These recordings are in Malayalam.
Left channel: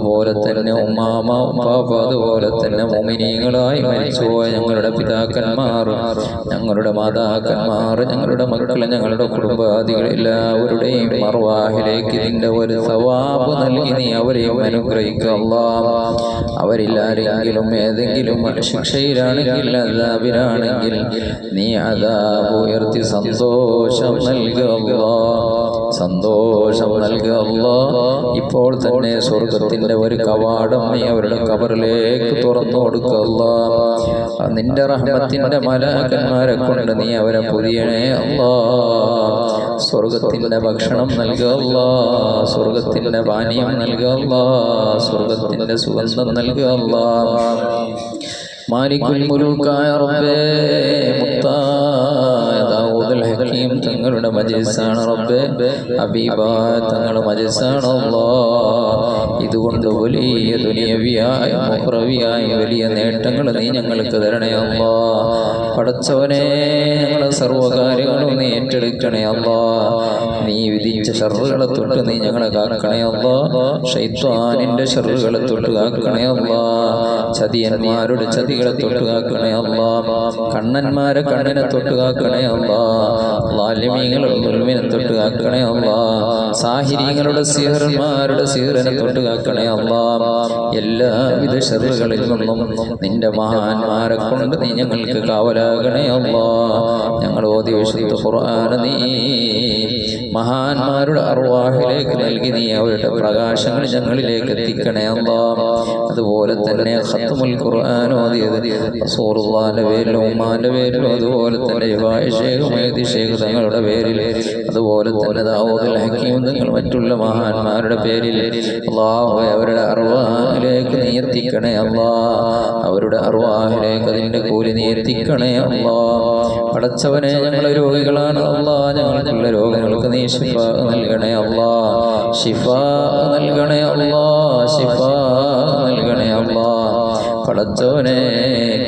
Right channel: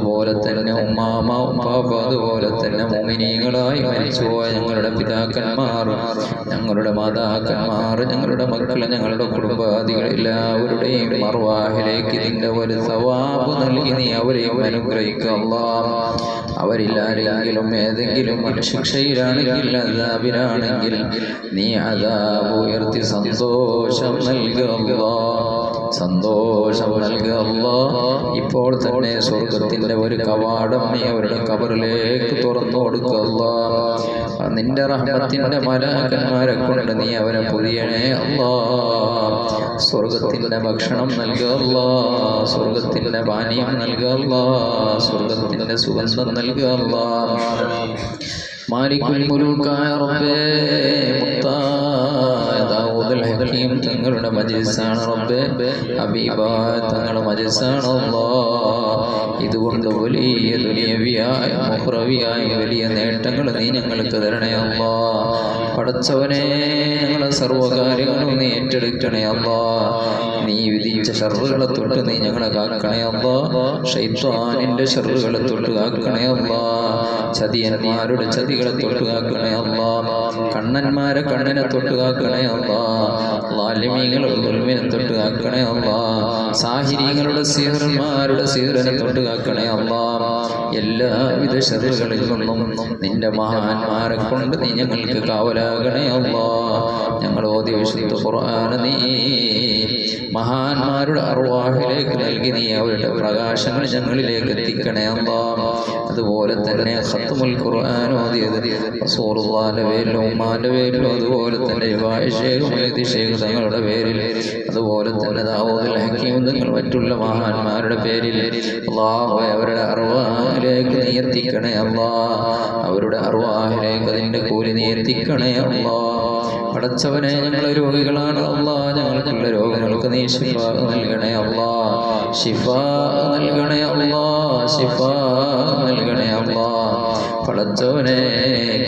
അതുപോലെ തന്നെ ഉമ്മാമ ഉപ്പാപ്പ, അതുപോലെ തന്നെ മുഅ്മിനീങ്ങളായി മരിച്ചുപോയ ഞങ്ങളുടെ പിതാക്കന്മാർ, ഞങ്ങളുടെ മാതാക്കന്മാർ, ഞങ്ങളുടെ മക്കൾ, ഞങ്ങളുടെ കുടുംബാദികൾ എല്ലാവരുടെയും അർവാഹിലേക്ക് ഇതിൻ്റെ ഒരു സവാബ് നൽകി നീ അവരെയും അനുഗ്രഹിക്കുക അല്ലാഹ്. അവരില്ലാരെങ്കിലും ഏതെങ്കിലും ശിക്ഷയിലാണെങ്കിൽ അദാബിലാണെങ്കിൽ നീ അദാബ് ഉയർത്തി സന്തോഷം നൽകുക, സന്തോഷം നൽകുക. ഇപ്പോൾ തന്നെ സ്വർഗത്തിന്റെ ഒരു കവാടം നീ അവരുടെ കബറിലേക്ക് തുറന്നു കൊടുക്കുക. നിന്റെ റഹ്മത്തിന്റെ മലാക്കന്മാരെ കൊണ്ട് നീ അവരെ പുരിയണേ അല്ലാഹ്. സ്വർഗത്തിന്റെ ഭക്ഷണം നൽകുക, സ്വർഗത്തിന്റെ പാനീയം നൽകുക, സ്വർഗത്തിന്റെ സുഗന്ധം നൽകുക. മാലിക്കുൽ മുലൂക്കായ റബ്ബേ, മുത്തായ ദാവൂദുൽ ഹകീം തങ്ങളുടെ മജ്ലിസാണ് റബ്ബേ, ഹബീബ തങ്ങളുടെ മജ്ലിസാണ് അല്ലാഹ്. ഇതുകൊണ്ട് വലിയ ദുനിയവിയായ മുഖ്റവിയായ വലിയ നേട്ടങ്ങൾ നീ ഞങ്ങൾക്ക് തരണേ അല്ലാഹ്. പടച്ചവനെ, ഞങ്ങളെ സർവ്വകാര്യങ്ങളും നീ ഏറ്റെടുക്കണേ അല്ലാഹ്. നീ വിധിച്ച ഷർറുകളെ തൊട്ട് നീ ഞങ്ങളെ കാക്കണേ അല്ലാഹ്. ശൈത്വാനിന്റെ ഷർറുകളെ തൊട്ട് കാക്കണേ അല്ലാഹ്. ചതിയന്മാരുടെ ചതികളെ തൊട്ട് കാക്കണേ അല്ലാഹ്. കണ്ണന്മാരെ കണ്ണിനെ തൊട്ട് കാക്കണേ അല്ലാഹ്. ളാലിമീങ്ങളുടെ ദുൽമിനെ തൊട്ട് കാക്കണേ അല്ലാഹ്. സാഹിരീങ്ങളുടെ സിഹർമാരുടെ സിഹറിനെ തൊട്ട് കാക്കണേ അല്ലാഹ്. എല്ലാവിധ ഷർറുകളിൽ നിന്നും നിന്റെ മഹാന്മാരെ കൊണ്ട് നീ ഞങ്ങൾക്ക് കാവലാകണേ അല്ലാഹ്. ഞങ്ങൾ ഓതി വിശുദ്ധ ഖുർആൻ നീ മഹാന്മാരുടെ അർവാഹിലേക്ക് നൽകി നീ അവരുടെ പ്രകാശങ്ങൾ ഞങ്ങളിലേക്ക് എത്തിക്കണേ അല്ലാഹ്. അതുപോലെ തന്നെ ഖത്മുൽ ഖുർആൻ ഓതിയത് റസൂലുള്ളാഹിന്റെ പേരിലും ഉമ്മാന്റെ പേരിലും, അതുപോലെ തന്നെ ശേഖ് തങ്ങളുടെ പേരിൽ, അതുപോലെ തന്നെ ദാവൂദുൽ ഹകീം തങ്ങൾ മറ്റുള്ള മഹാന്മാരുടെ പേരിൽ അല്ലാഹു അവരുടെ അർവാഹിലേക്ക് നീ എത്തിക്കണേ അല്ലാഹ്. അവരുടെ അർവാഹിലേക്ക് അതിന്റെ കൂലി നീ എത്തിക്കണേ അല്ലാഹ്. പടച്ചവനെ, ഞങ്ങളെ രോഗികളാണ് അല്ലാഹ്. ഞങ്ങൾക്കുള്ള രോഗങ്ങൾക്ക് നീ ശിഫാ നൽകണേ അല്ലാഹ്. ശിഫാ നൽകണേ അല്ലാഹ്. ശിഫാ നൽകണേ അല്ലാഹ്. പടച്ചവനെ,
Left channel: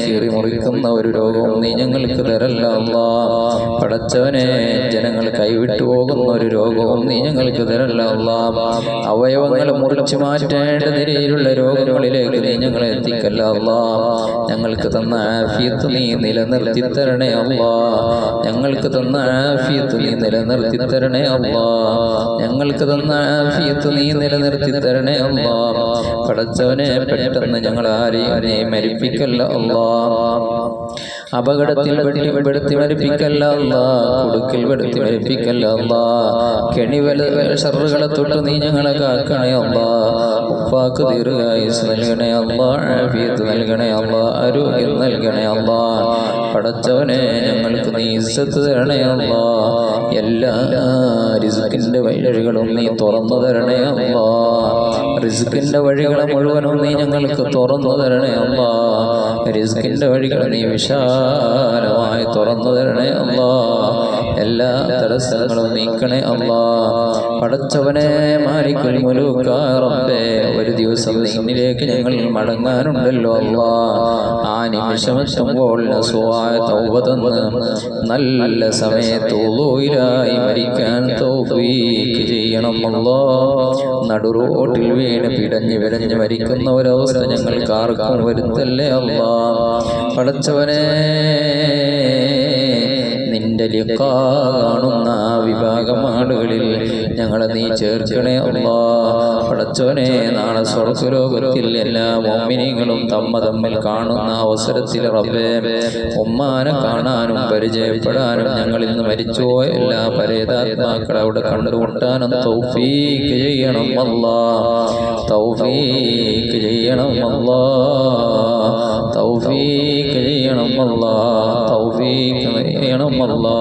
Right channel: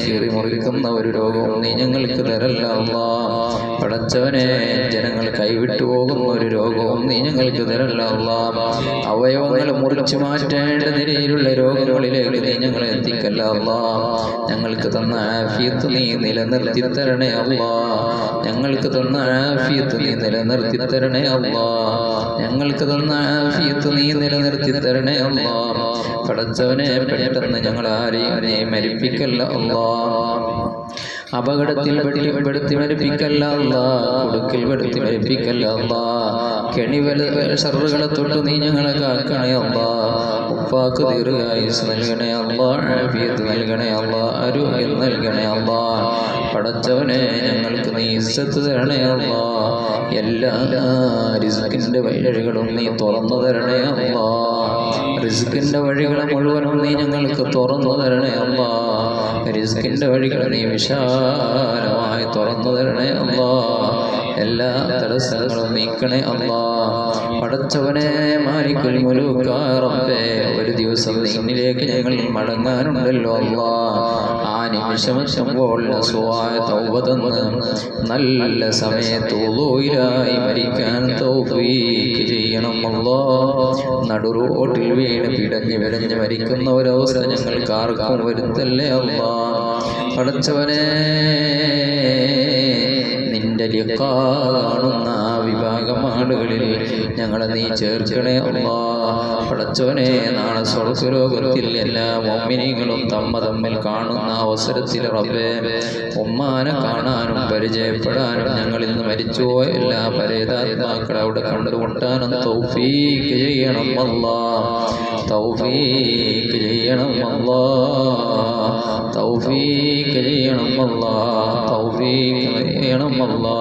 കീറി മുറിക്കുന്ന ഒരു രോഗവും നീ ഞങ്ങൾക്ക് തരല്ല അല്ലാഹ്. പടച്ചവനെ, ജനങ്ങൾ കൈവിട്ടു പോകുന്ന ഒരു രോഗവും നീ ഞങ്ങൾക്ക് തരല്ല അല്ലാഹ്. അവയവങ്ങൾ മുറിച്ചു മാറ്റേണ്ട നിലയിലുള്ള രോഗങ്ങളിലേക്ക് നീ ഞങ്ങളെ എത്തിക്കല്ല അല്ലാഹ്. ഞങ്ങൾക്ക് തന്ന ആഫിയത്ത് നീ നിലനിർത്തി തരണേ അല്ലാഹ്. ഞങ്ങൾക്ക് തന്ന ആഫിയത്ത് നീ നിലനിർത്തി തരണേ അല്ലാഹ്. ഞങ്ങൾക്ക് തന്ന ആഫിയത്ത് നീ നിലനിർത്തി തരണേ അല്ലാഹ്. പടച്ചവനെ, പെട്ടെന്ന് ഞങ്ങൾ ആരെയും നീ മരിപ്പിക്കല്ല അല്ലാഹ്. അപകടത്തിൽ പെടുത്തി മരിപ്പിക്കല്ല അല്ലാഹ്. കുടുക്കിൽ പെടുത്തി മരിപ്പിക്കല്ല അല്ലാഹ്. കെണിവല ഷർറുകളെ തൊട്ട് നീ ഞങ്ങളെ കാക്കണേ അല്ലാഹ്. ഉപ്പാക്ക് ദീർഘായുസ് നൽകണേ അല്ലാഹ്. ആഫിയത്ത് നൽകണേ അല്ലാഹ്. ആരോഗ്യം നൽകണേ അല്ലാഹ്. പടച്ചവനെ, ഞങ്ങൾക്ക് നീ ഇസ്സത്ത് തരണേ അല്ലാഹ്. എല്ലാ റിസ്കിന്റെ വഴികളും നീ തുറന്നു തരണേ അല്ലാഹ്. റിസ്കിന്റെ വഴികളെ മുഴുവനും നീ ഞങ്ങൾക്ക് തുറന്നു തരണേ അല്ലാഹ്. റിസ്കിന്റെ വഴികൾ നീ വിശാലമായി തുറന്നു തരണേ അല്ലാഹ്. എല്ലാ തടസ്സങ്ങളും നീക്കണേ അല്ലാഹ്. പടച്ചവനെ, മാലിക്കുൽ മുലൂക്കായ റബ്ബേ, ഒരു ദിവസം നിന്നിലേക്ക് ഞങ്ങൾ മടങ്ങാനുണ്ടല്ലോ അല്ലാഹ്. ആ നിമിഷമെത്തുമ്പോൾ നസുഹായ തൗബ തന്ന് നല്ല സമയത്ത് ഉളൂയിലായി മരിക്കാൻ തൗഫീഖ് ചെയ്യണം അല്ലാഹ്. നടുറോട്ടിൽ വീണ് പിടഞ്ഞ് വിടഞ്ഞ് മരിക്കുന്ന ഒരവസ്ഥ ഞങ്ങൾക്ക് ആർക്കും വരുത്തല്ലേ അല്ലാഹ്. പടച്ചവനെ, നിന്റെ ലിഖാ കാണുന്ന ആ വിഭാഗം ആളുകളിൽ ഞങ്ങളെ നീ ചേർക്കണേ അല്ലാഹ്. പടച്ചവനെ, നാളെ സ്വർഗ്ഗലോകത്തിൽ എല്ലാ മുഅ്മിനീങ്ങളും തമ്മിൽ കാണുന്ന അവസരത്തിൽ റബ്ബേ, ഉമ്മാനെ കാണാനും പരിചയപ്പെടാനും ഞങ്ങൾ ഇന്ന് മരിച്ചുപോയ എല്ലാ പരേതാത്മാക്കളെ അവിടെ കണ്ടുമുട്ടാനും തൗഫീഖ് ചെയ്യണം അല്ലാഹ്. തൗഫീഖ് ചെയ്യണം അല്ലാഹ്. തൗഫീഖ് ചെയ്യണം അല്ലാഹ്. തൗഫീഖ് ചെയ്യണം അല്ലാഹ്.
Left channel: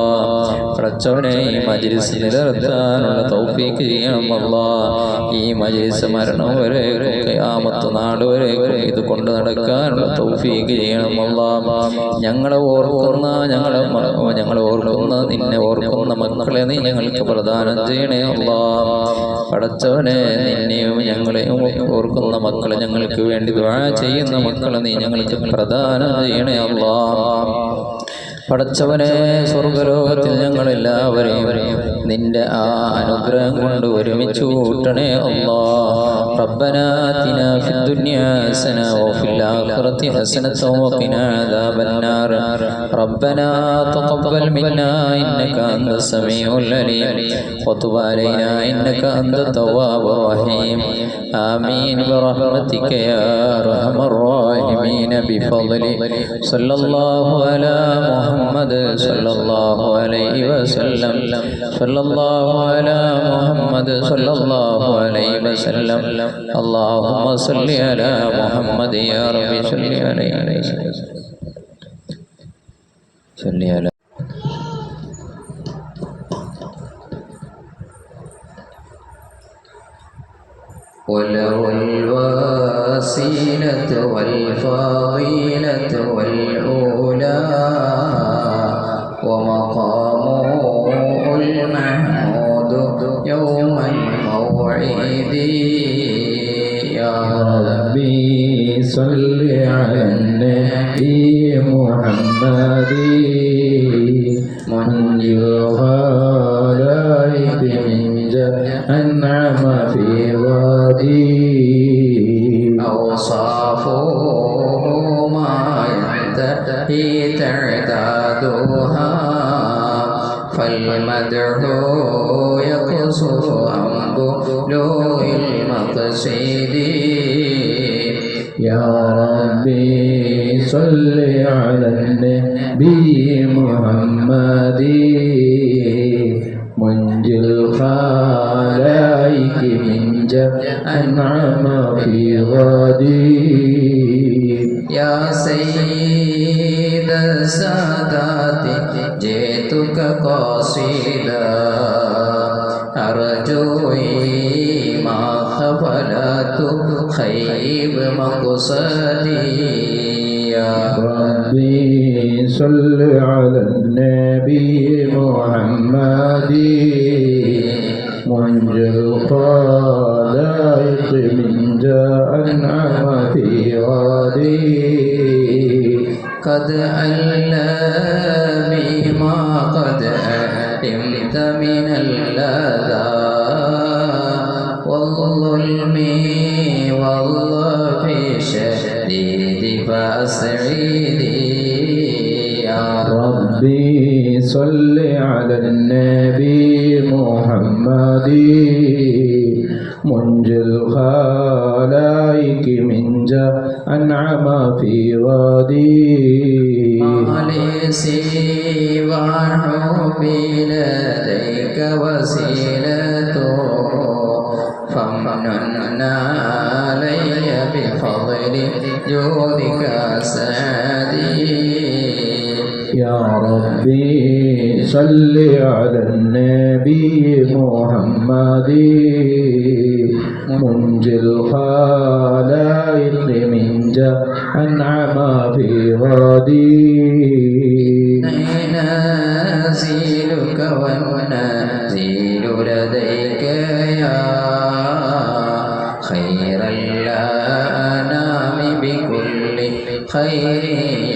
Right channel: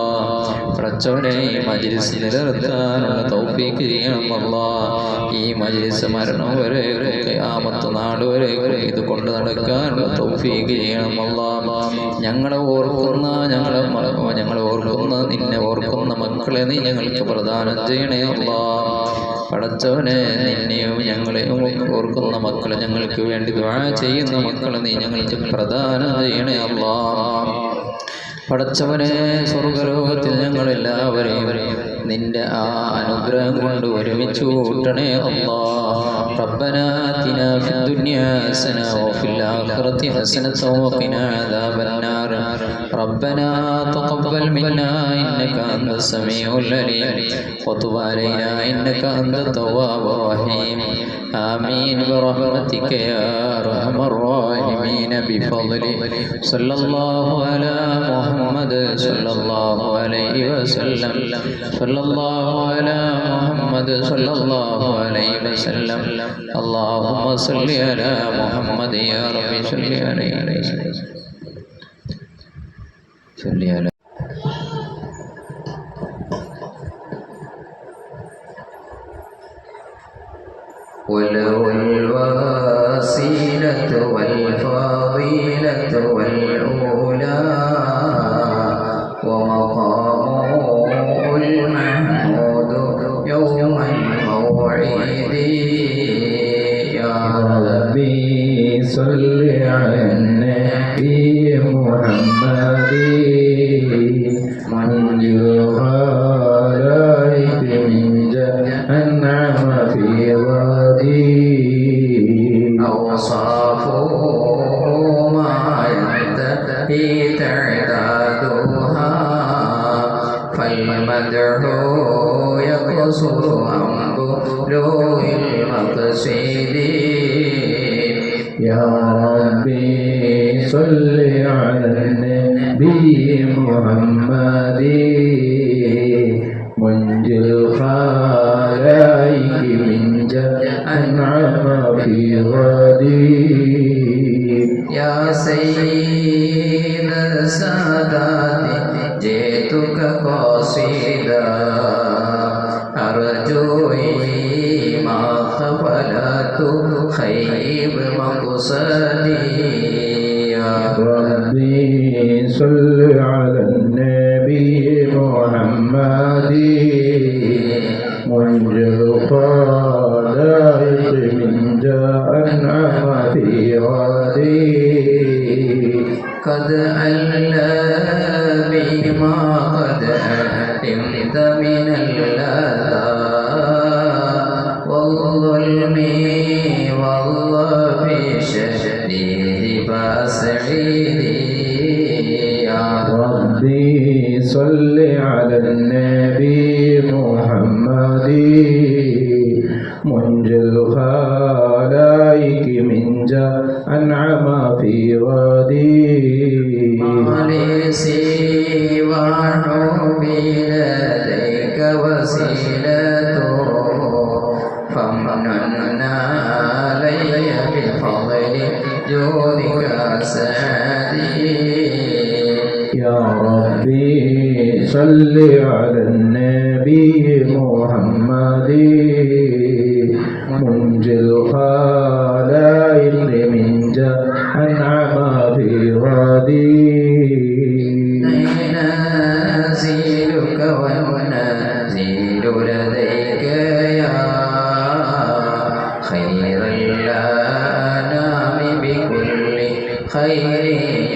പടച്ചവനെ, ഈ മജ്ലിസ് നിലനിർത്താനുള്ള തൗഫീഖ് ചെയ്യണം അല്ലാഹ്. ഈ മജ്ലിസ് മരണം വരെ, ഖിയാമത്ത് നാൾ വരെ ഇത് കൊണ്ട് നടക്കാനുള്ള തൗഫീഖ് ചെയ്യണം അല്ലാഹ്. ഞങ്ങളെ ഓർക്കുന്ന നിന്നെ ഓർക്കുന്ന മക്കളെ നീ ഞങ്ങൾക്ക് പ്രദാനം ചെയ്യണേ അല്ലാഹ്. പടച്ചവനെ, നിന്നെയും ഞങ്ങളെയും ഓർക്കുന്ന മക്കളെ, ഞങ്ങൾക്ക് വേണ്ടി ദുആ ചെയ്യുന്ന മക്കളെ നീ ഞങ്ങൾക്ക് പ്രദാനം ചെയ്യണേ അല്ലാഹ്. പടച്ചവനെ, സ്വർഗ്ഗലോകത്തിൽ ഞങ്ങളെല്ലാവരെയും നിന്റെ ആ അനുഗ്രഹം കൊണ്ട് ഒരുമിച്ച് കൂട്ടണേ അല്ലാഹ്. ربنا آتنا في الدنيا حسنة وفي الآخرة حسنة وقنا عذاب النار ربنا تقبل منا إنك أنت السميع العليم وتب علينا إنك أنت التواب الرحيم آمين برحمتك يا أرحم الراحمين بفضلك صلى الله على محمد صلى الله عليه وسلم صلى الله على محمد صلى الله عليه وسلم اللهم صل على محمد يا رب صل عليه وسلم صل على وله الوسيلة والفضيلة والأولى ومقامه المحمود يوم الموعد يا ربي صل على النبي محمد من الخلائق من أنعم في أوصافه ما ينتهي تعدادها فالمدح يقصر عن بلوغ المقصد يا ربي صل على النبي محمد منجي الخلائق من أنعم في غدي يا سيد السادات جئتك قصيدا أرجو ما خفلت خيب مقصدي يا ربي صل على النبي محمد منجي الخلائق من أنعم في غدي قد علمني ما قد علمت من اللذى والظلم والله في شديد فاسعدي يا ربي صل على النبي محمد منجي الخلائق من أنعم في غدي ما لي سوى حبي لديك وسيلة فمن علي بفضل جودك سعدي يا ربي صل على النبي محمد منجي الخلائق من أنعم في غدي نازلك والنازل لديك يا خير الأنام بكل خير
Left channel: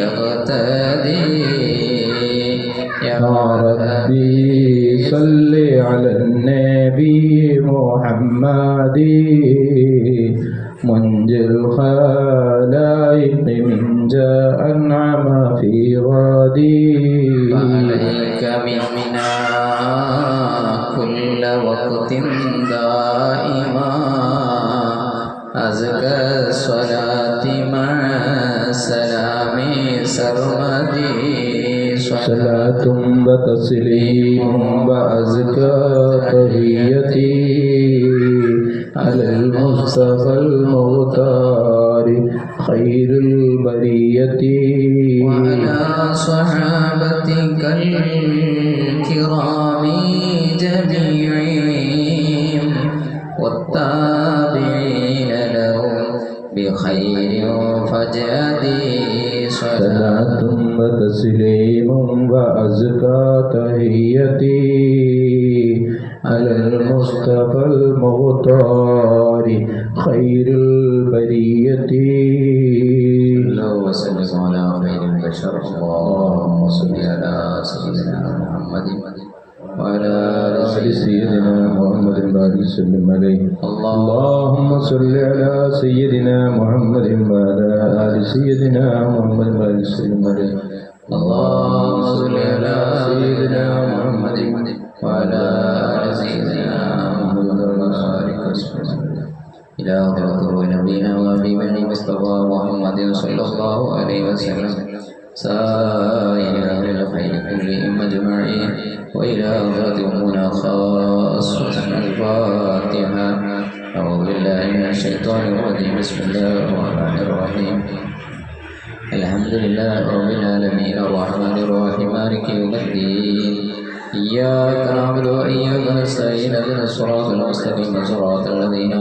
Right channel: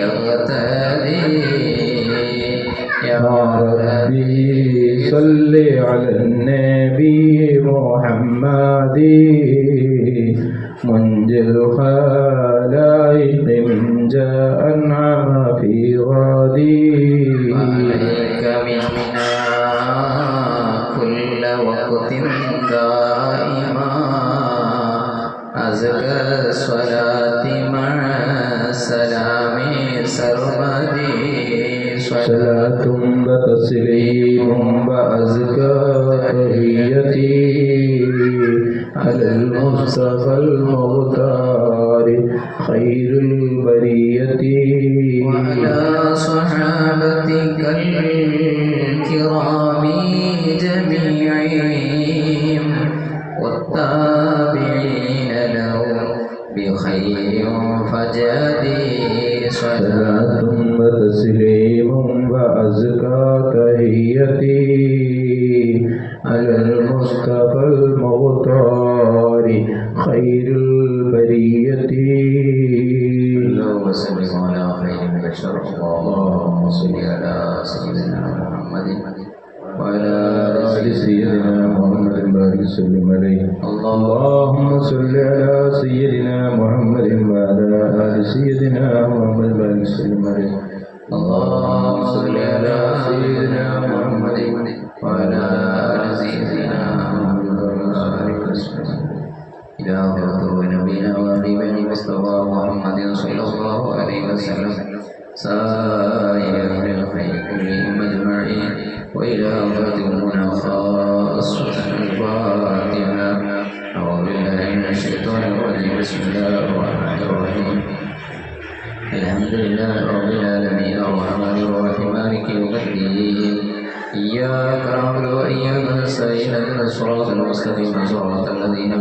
يقتدي يا ربي صل على النبي محمد منجي الخلائق من أنعم في غدي عليك منا كل وقت دائما أزكى الصلاة مع السلام سرمدي صلاة وتسليم وأزكى تحيتي على المصطفى المختار خير البرية وعلى صحابتك الكرام جميعهم والتابعين لهم بخير فجدي صلاة وتسليم وأزكى تحيتي على المصطفى المختار خير البرية اللهم صل على خير البشر اللهم صل على سيدنا محمد وعلى آل سيدنا محمد وبارك وسلم عليه اللهم صل على سيدنا محمد وعلى آل سيدنا محمد وبارك وسلم عليه اللهم صل على سيدنا محمد وعلى آل سيدنا محمد وبارك وسلم إلى حضرة نبينا وحبيبنا المصطفى محمد صلى الله عليه وسلم سائر أهل الخير كلهم أجمعين وإلى حضرة أمنا خاصة الفاتحة أعوذ بالله من الشيطان الرجيم بسم الله الرحمن الرحيم الحمد لله رب العالمين الرحمن الرحيم مالك يوم الدين إياك نعبد وإياك نستعين اهدنا الصراط المستقيم صراط الذين